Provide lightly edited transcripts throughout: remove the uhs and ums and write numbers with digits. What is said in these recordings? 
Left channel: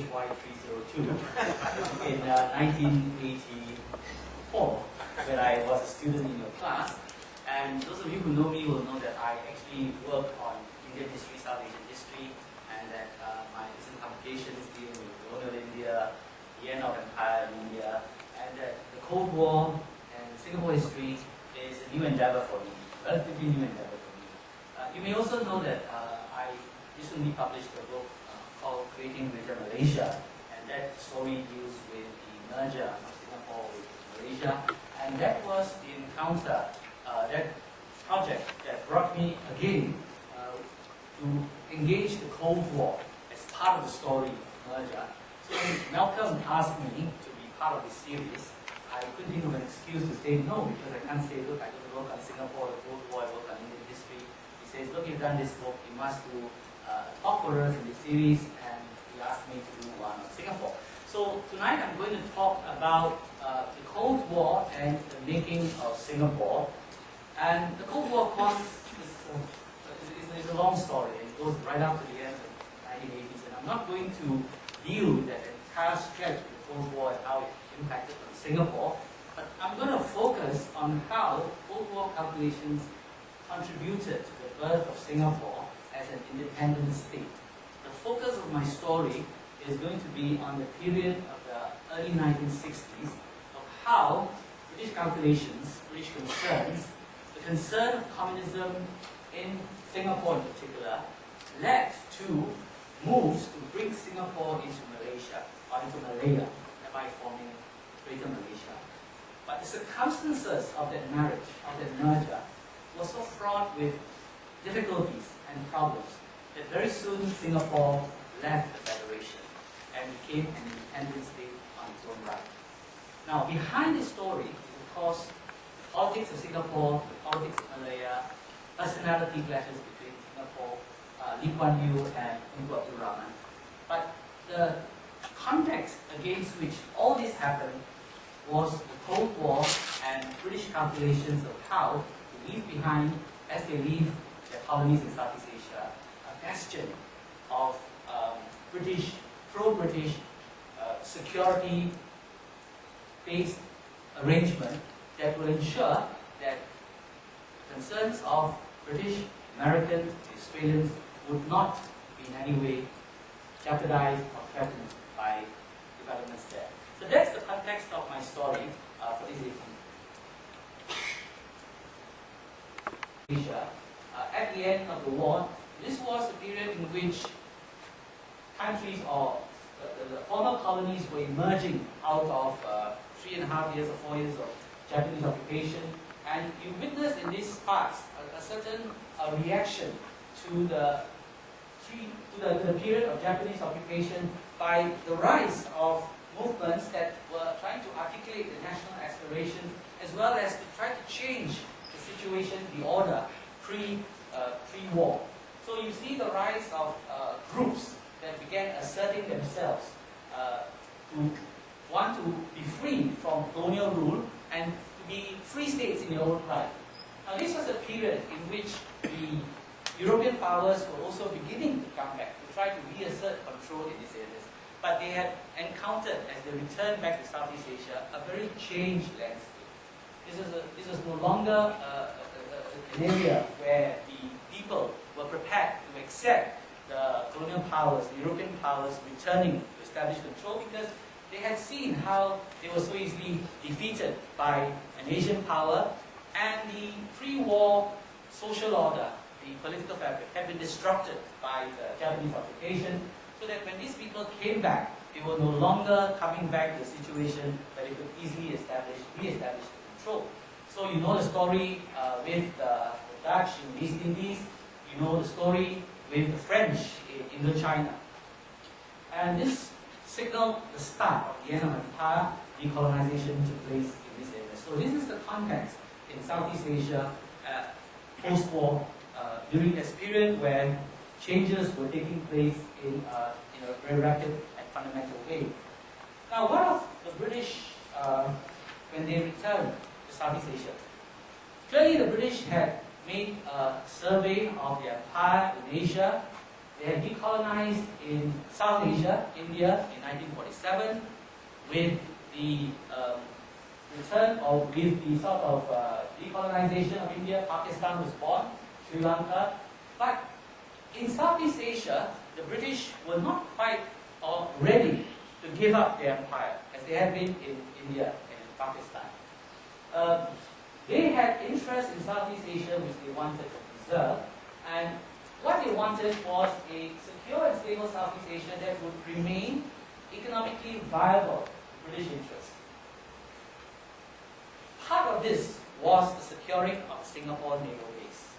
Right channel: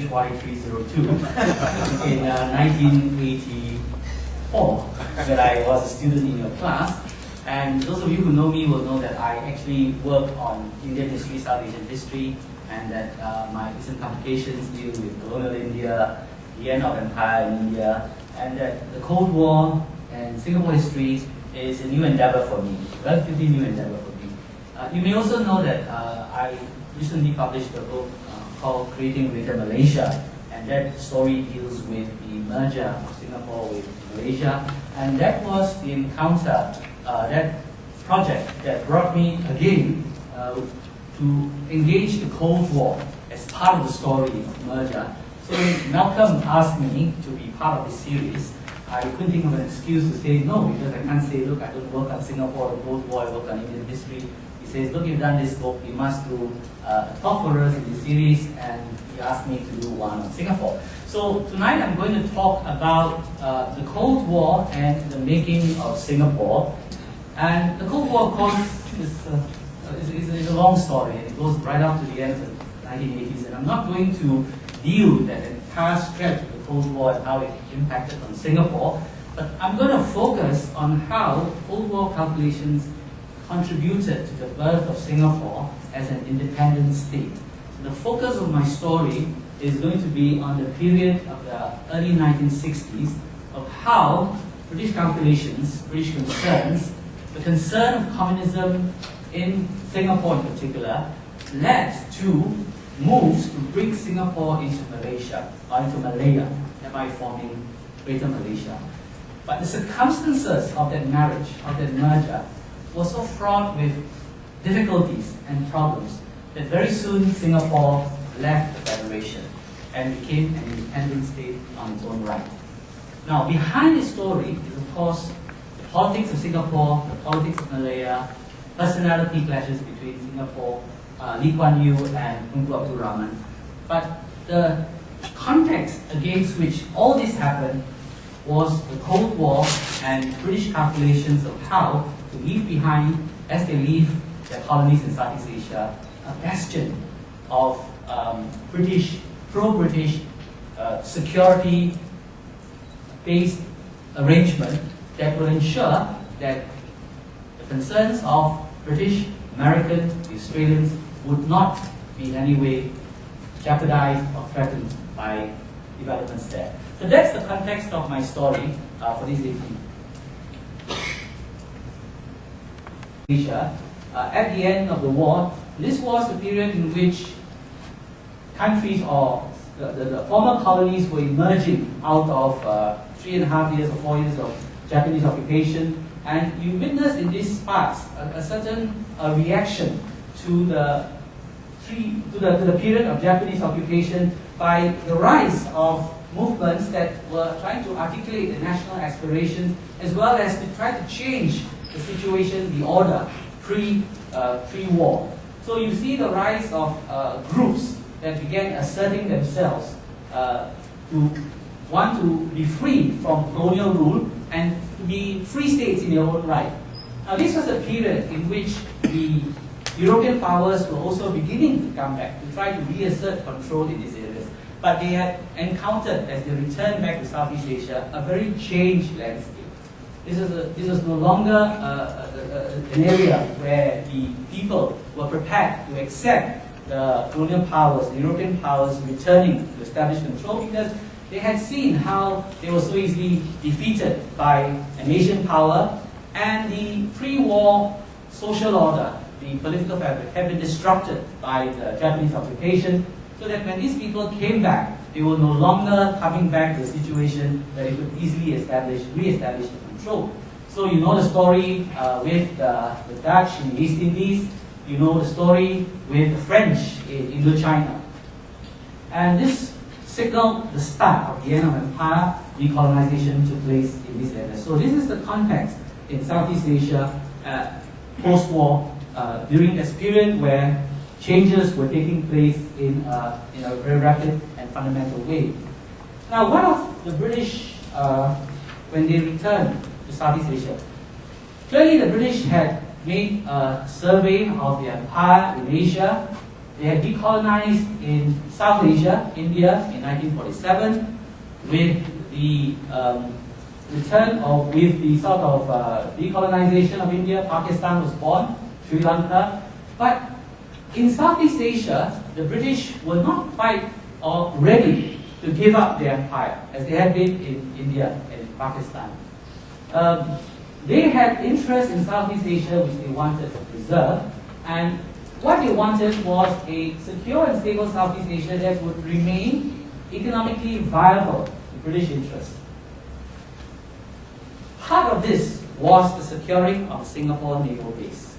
HY302 in 1984 when I was a student in your class. And those of you who know me will know that I actually work on Indian history, South Asian history, and that my recent publications deal with colonial India, the end of empire in India, and that the Cold War and Singapore history is a new endeavor for me, relatively new endeavor for me. You may also know that I recently published a book called Creating Greater Malaysia, and that story deals with the merger of Singapore with Malaysia, and that was the encounter, that project that brought me again to engage the Cold War as part of the story of merger. So when Malcolm asked me to be part of this series, I couldn't think of an excuse to say no, because I can't say, look, I don't work on Singapore or the Cold War, I work on Indian history. He says, look, you've done this book, you must do a talk for us in this series, and he asked me to do one on Singapore. So tonight I'm going to talk about the Cold War and the making of Singapore. And the Cold War, of course, is a long story, and it goes right up to the end of the 1980s, and I'm not going to deal with that entire stretch of the Cold War and how it impacted on Singapore, but I'm going to focus on how Cold War calculations contributed to the birth of Singapore as an independent state. So the focus of my story is going to be on the period of the early 1960s of how British calculations, British concerns, the concern of communism in Singapore in particular, led to moves to bring Singapore into Malaysia, or into Malaya, thereby forming Greater Malaysia. But the circumstances of that marriage, of that merger, were so fraught with difficulties and problems that very soon Singapore left the Federation and became an independent state on its own right. Now, behind this story is, of course, the politics of Singapore, the politics of Malaya, personality clashes between Singapore, Lee Kuan Yew and Tunku Abdul Rahman. But the context against which all this happened was the Cold War and British calculations of how to leave behind, as they leave their colonies in Southeast Asia, a bastion of pro-British security-based arrangement that will ensure that the concerns of British, American, Australians would not be in any way jeopardized or threatened by developments there. So that's the context of my story for this evening. At the end of the war, this was a period in which countries or the former colonies were emerging out of 3.5 years or 4 years of Japanese occupation, and you witness in these parts a certain reaction to the period of Japanese occupation by the rise of movements that were trying to articulate the national aspirations, as well as to try to change the situation, the order, pre-war. So you see the rise of groups that began asserting themselves to want to be free from colonial rule and to be free states in their own right. Now this was a period in which the European powers were also beginning to come back to try to reassert control in these areas. But they had encountered, as they returned back to Southeast Asia, a very changed landscape. This was no longer an area where the people were prepared to accept the colonial powers, the European powers returning to establish control, because they had seen how they were so easily defeated by an Asian power, and the pre-war social order, the political fabric, had been disrupted by the Japanese occupation, so that when these people came back, they were no longer coming back to a situation where they could easily re-establish the control. So you know the story with the Dutch in the East Indies, you know the story with the French in Indochina. And this signaled the start of the end of empire. Decolonization took place in this area. So this is the context in Southeast Asia post-war, during this period where changes were taking place in a very rapid and fundamental way. Now, one of the British, when they returned to Southeast Asia, clearly the British had made a survey of the empire in Asia, They had decolonized in South Asia, India, in 1947, with the return of, with the sort of decolonization of India. Pakistan was born, Sri Lanka. But in Southeast Asia, the British were not quite ready to give up their empire, as they had been in India and in Pakistan. They had interest in Southeast Asia which they wanted to preserve, and what they wanted was a secure and stable Southeast Asia that would remain economically viable to British interests. Part of this was the securing of the Singapore naval base.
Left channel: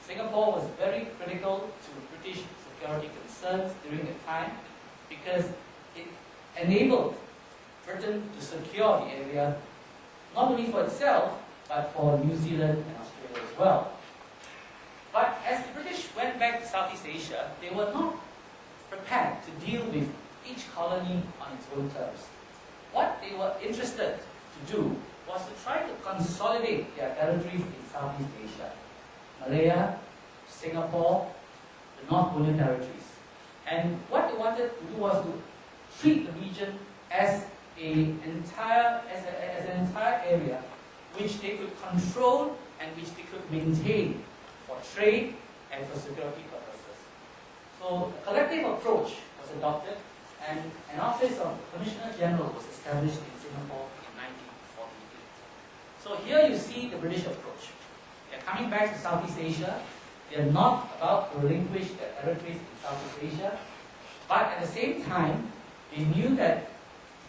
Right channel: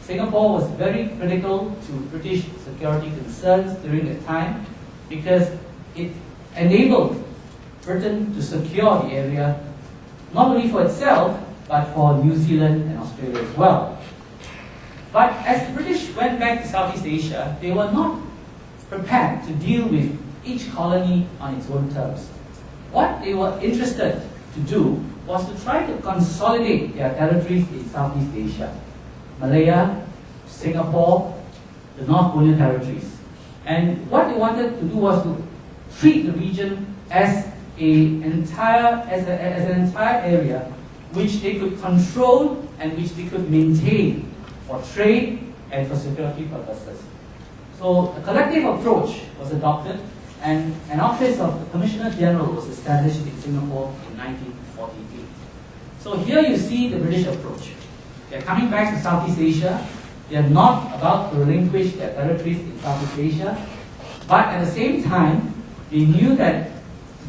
Singapore was very critical to British security concerns during that time because it enabled Britain to secure the area not only for itself but for New Zealand and Australia as well. But as the British went back to Southeast Asia, they were not prepared to deal with each colony on its own terms. What they were interested to do was to try to consolidate their territories in Southeast Asia. Malaya, Singapore, the North Borneo territories. And what they wanted to do was to treat the region as an entire area which they could control and which they could maintain for trade and for security purposes. So a collective approach was adopted, and an office of the Commissioner General was established in Singapore in 1948. So here you see the British approach. They are coming back to Southeast Asia. They are not about to relinquish their territories in Southeast Asia, but at the same time, they knew that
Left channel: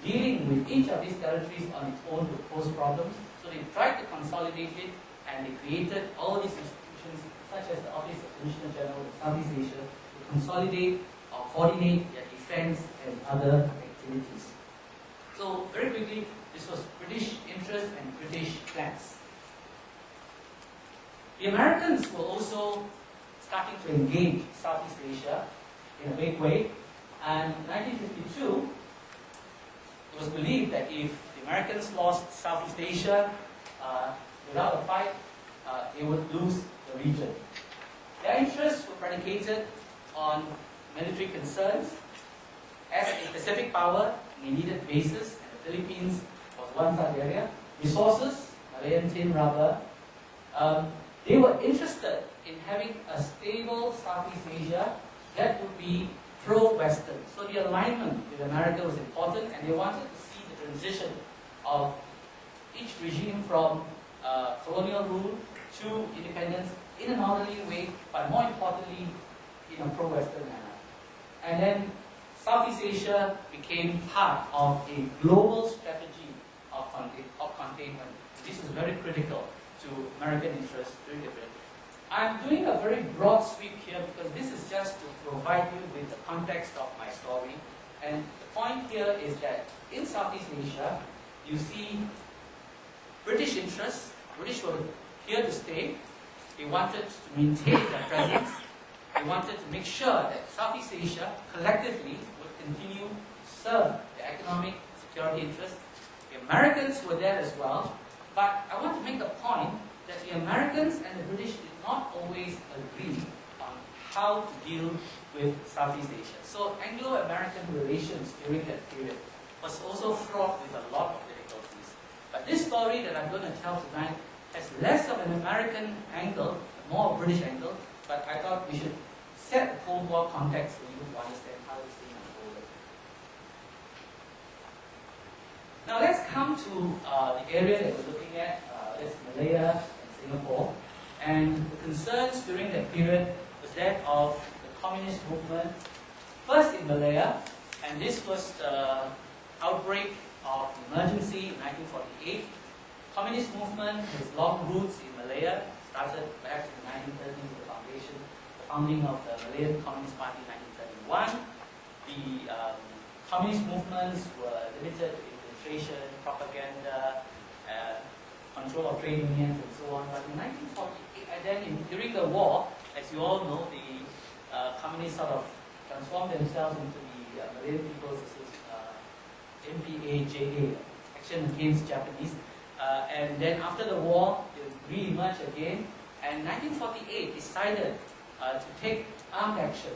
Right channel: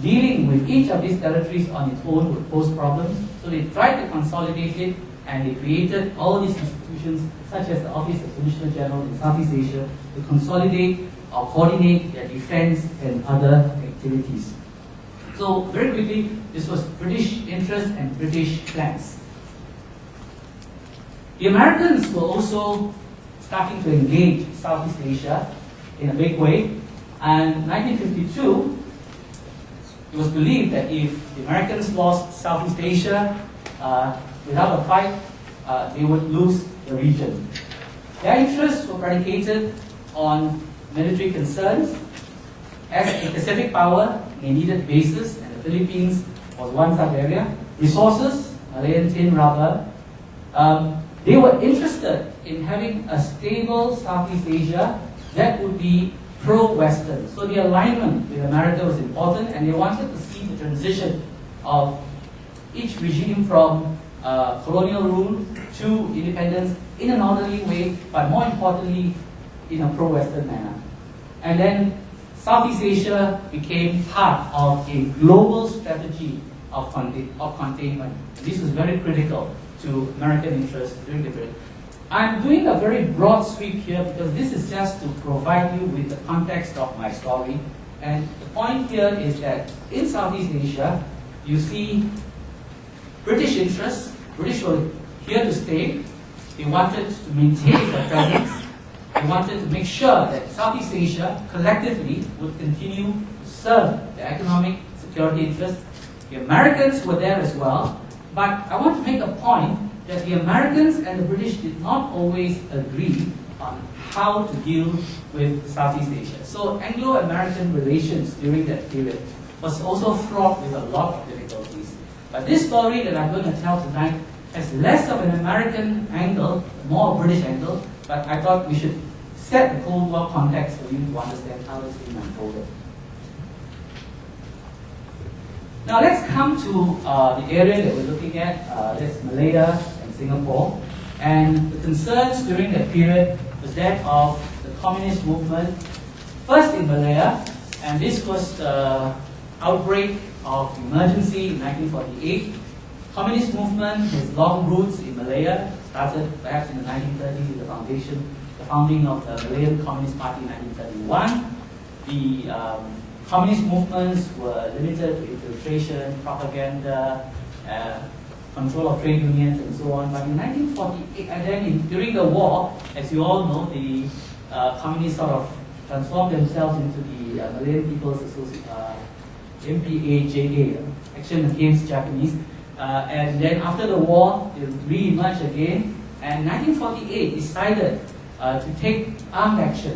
dealing with each of these territories on its own would pose problems, so they tried to consolidate it, and they created all these institutions, such as the Office of Commissioner General in Southeast Asia, to consolidate or coordinate their defense and other activities. So very quickly, this was British interest and British plans. The Americans were also starting to engage Southeast Asia in a big way, and in 1952, it was believed that if the Americans lost Southeast Asia without a fight, they would lose the region. Their interests were predicated on military concerns. As a Pacific power, they needed bases, and the Philippines was one such area. Resources, Malayan tin, rubber. They were interested in having a stable Southeast Asia that would be pro-Western. So the alignment with America was important, and they wanted to see the transition of each regime from colonial rule to independence in an orderly way, but more importantly, in a pro-Western manner. And then Southeast Asia became part of a global strategy of containment. This was very critical to American interests during the period. I'm doing a very broad sweep here because this is just to provide you with the context of my story. And the point here is that in Southeast Asia, you see British interests. British were here to stay. They wanted to maintain their presence. They wanted to make sure that Southeast Asia collectively would continue to serve the economic security interests. The Americans were there as well, but I want to make a point that the Americans and the British did not always agree on how to deal with Southeast Asia. So Anglo-American relations during that period was also fraught with a lot of difficulties. But this story that I'm going to tell tonight has less of an American angle, more a British angle, but I thought we should set the Cold War context for you to understand how this thing unfolded. Now let's come to the area that we're looking at, that's Malaya and Singapore. And the concerns during that period was that of the communist movement, first in Malaya, and this was the outbreak of emergency in 1948. Communist movement has long roots in Malaya, started perhaps in the 1930s with the founding of the Malayan Communist Party in 1931. The communist movements were limited to infiltration, propaganda, control of trade unions, and so on. But in 1948, and then during the war, as you all know, the communists sort of transformed themselves into the Malayan People's MPAJA, Action Against Japanese. And then after the war, they re-emerged again, and in 1948 decided to take armed action